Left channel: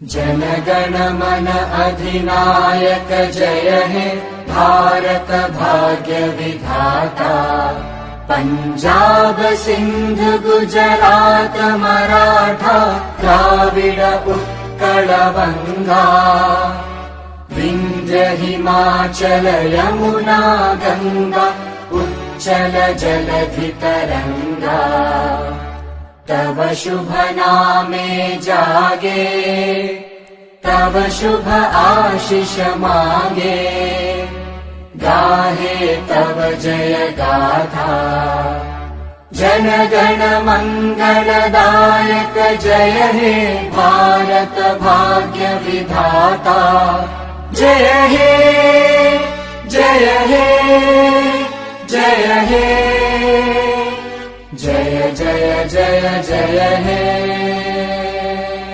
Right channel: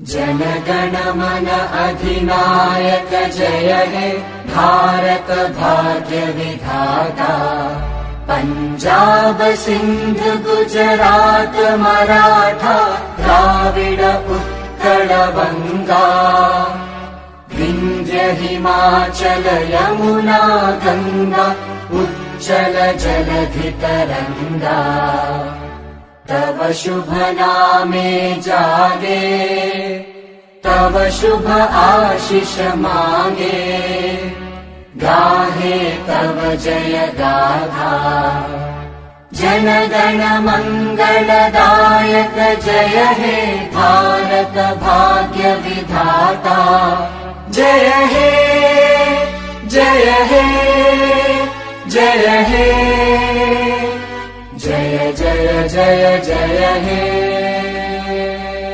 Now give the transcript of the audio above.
जनगण मन अधिनायक जय हे भारत भाग्य विधाता। पंजाब सिंध गुजरात मराठा द्राविड उत्कल बंगा। विंध्य हिमाचल यमुना गंगा उच्चल जलधि तरंगा। तव शुभ नामे जागे तव शुभ आशीष मांगे। गाहे तव जय गाथा जन गण मंगलदायक जय हे भारत भाग्य विधाता। जय हे जय हे जय हे जय जय जय जय हे।